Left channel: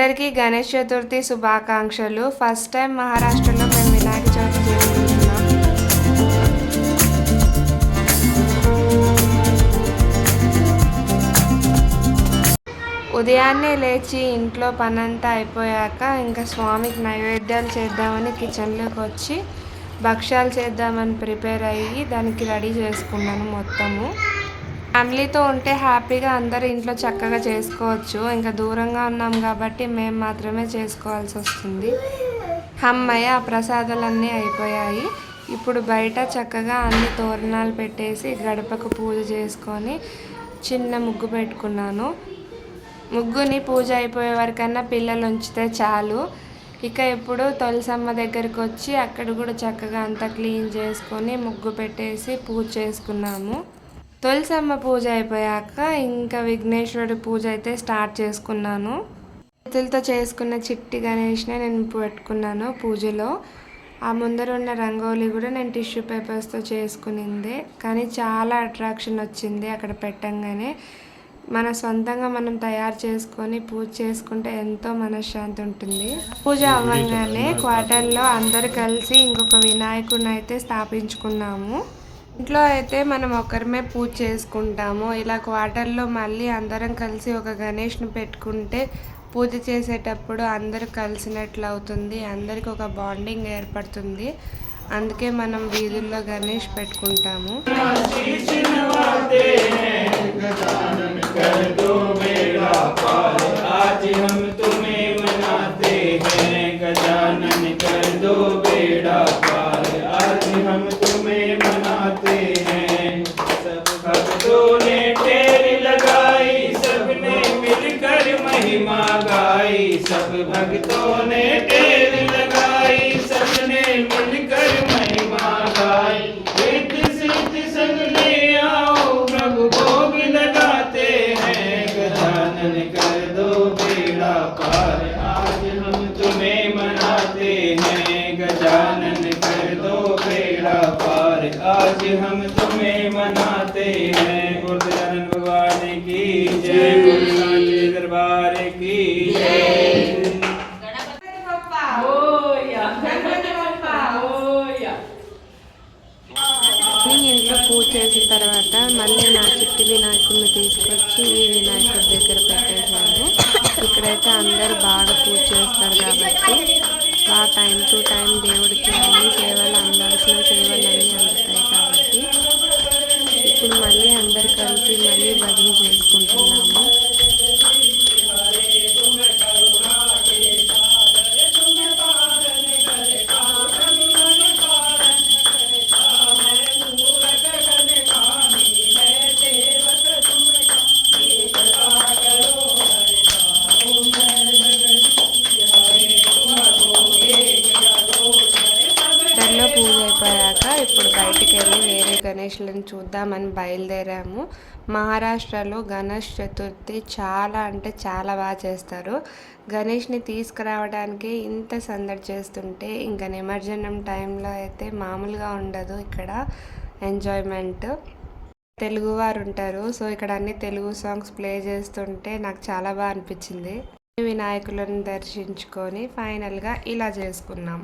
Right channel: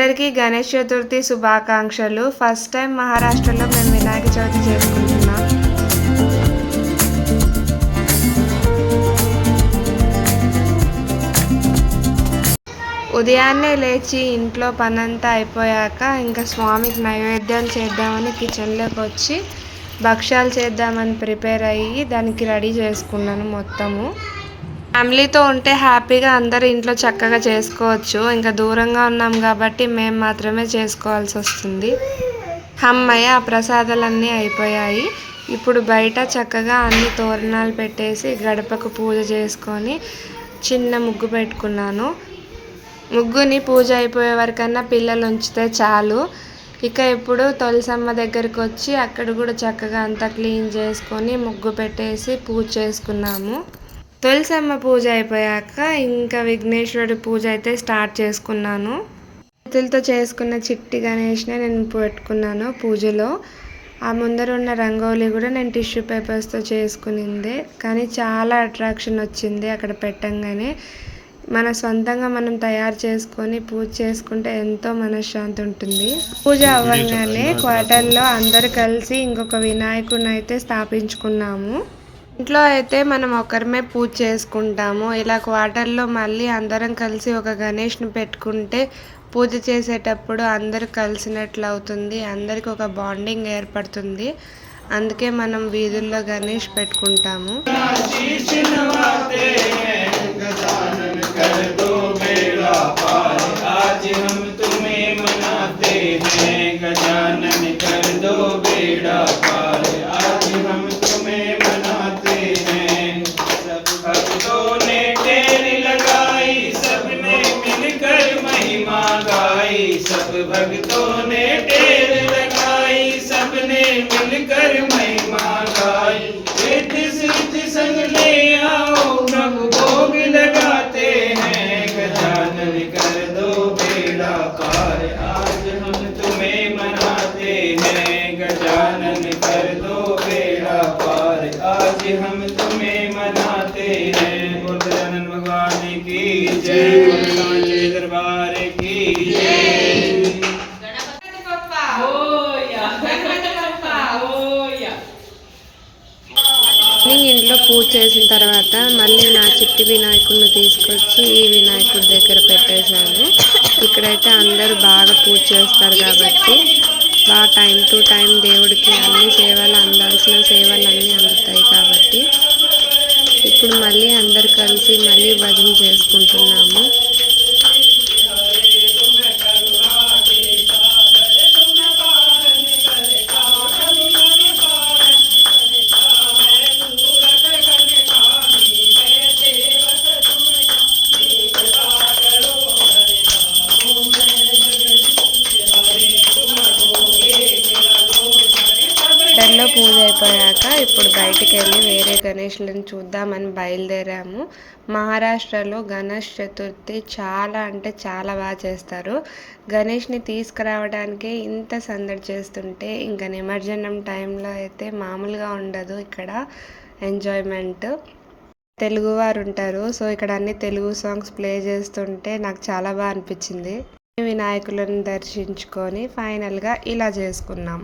అందరికీ గణేష్ చతుర్థి శుభాకాంక్షలు. First time మహారాష్ట్రలో మేము వినాయక చవితి చేసుకుంటున్నాం. ఉదయాన్నే లేచి ఇంట్లో పనంతా అయిపోయాక ఇంకా స్వామికి నైవేద్యాలు చేద్దామని కిచెన్లోకి వచ్చి భక్ష్యాలు చేద్దామని ప్రిపేర్ అయ్యి దానికి రెడీ చేసుకున్నాను. మొత్తము ఫ్యామిలీతో ఉంటే హ్యాపీగా అందరూ ఇంట్లో చక్కగా చేసుకోవచ్చు. ఇంకా దూరంగా ఉన్నాం కాబట్టి మేము మాత్రమే చేసుకోవాల్సి వస్తుంది. అమ్మయ్య, ఆ ప్రసాదాలన్నీ అయిపోయాయి. ఇప్పుడు బయట చక్కగా అన్ని తోరణాలు పెట్టేసి గడపకు పూజ చేసుకొని చిన్న ముగ్గు పెట్టుకున్నాను. ముగ్గుని పూజ అయిపోయే వరకన్నా పిల్లలు ఉంచితే చాలు. ఇక ఇప్పుడు తులసమ్మ దగ్గరికి వచ్చి అక్కడ కూడా చక్కగా అంతా క్లీన్ చేసుకొని ముగ్గు పెట్టేసి పూజ చేసుకున్నాము. తులసమ్మ పూజ అయిపోయాక ఇంకా విఘ్నేశ్వరుడి పూజ అయితే స్టార్ట్ చేసుకున్నాను. చేతులతో చేసుకున్న చిట్టి గణేష్నే నేను పెట్టుకున్నాను పూజలో. ఆ ముందర ఉన్న రంగోలీ కూడా నేను టిష్యూ పేపర్స్తో చేసుకునిందే, కానీ చాలా అట్రాక్షన్ వచ్చింది అక్కడ పెట్టంగానే. మన సొంతంగా మనం తయారు చేసుకొని పూజ చేసుకుంటే ఎంతో మనశ్శాంతి ఉంటుంది. పూజ అవ్వగానే క్వార్టర్లో అందరు కలిసి ఇంకొక వినాయకుడిని అయితే స్థాపించుకున్నాము. ఇంట్లో అయితే మనం ఒకరిమే పూజ చేసుకుంటాము. ఇలా క్వార్టర్లో మళ్ళీ అందరం కలిసి ఒక గణేష్ని పెట్టుకుంటే పూజ చేసేటప్పుడు అందరూ కలిసినట్లు అవుతుంది. అందరికి ఒక బాండింగ్ ఏర్పడుతుంది. అందుకే మనం వీధుల్లో గణేష్ పెట్టుకుంటాము. सब भक्तों ने टेर लगाई, सबने मिलकर महिमा गाई। रिद्धि सिद्धि संग ले आओ, प्रभु भोग लगाते हैं। गजानन कर दो बेड़ा पार, आज हम तुम्हें मनाते हैं। गजानन कर दो बेड़ा पार, आज हम तुम्हें मनाते हैं। गजानन भगवान की जय, सांचे दरबार की जय। ఇంట్లో పూజ చేసిన తర్వాత మళ్ళీ నా చిట్టి వినాయకుడిని తీసుకొచ్చి ఈ వినాయకుడి దగ్గర పెట్టేశాను. ఇక్కడైతే అందరూ బాగా పూజ చేస్తారు కాబట్టి బాగా టైం టు టైం దేవుడికి అన్ని సేవలు అందాల్సిన సేవలు అన్నీ అందుతాయి కాబట్టి ఇప్పుడు మళ్ళీ అందరు కలిసి మళ్ళీ భజన చేసుకుంటున్నాము. లో పూజ అయిపోయాక ఇప్పుడు బయటికి వెళ్ళి వేరే గణేష్లను చూద్దామని బయలుదేరాము. మహారాష్ట్రలో గణేష్ చతుర్థి చాలా అంటే చాలా బాగా చేస్తారు. గణేష్ని తీసుకురావడానికి ఇంత సందడి చేస్తుంటే ఇంకా నిమజ్జనం టైంలో అయితే మామూలుగా ఉండదు. ఇక్కడ ఎంజాయ్మెంట్ తెలుగువారు ఉంటారు. సో ఇక్కడ అన్ని తెలుగు సాంగ్స్ ప్లే చేస్తుంటే నాకు చాలా బాగా అనిపించింది. వినాయకులను దర్శించుకొని ఫైనల్గా ఇలా చేసుకున్నాం.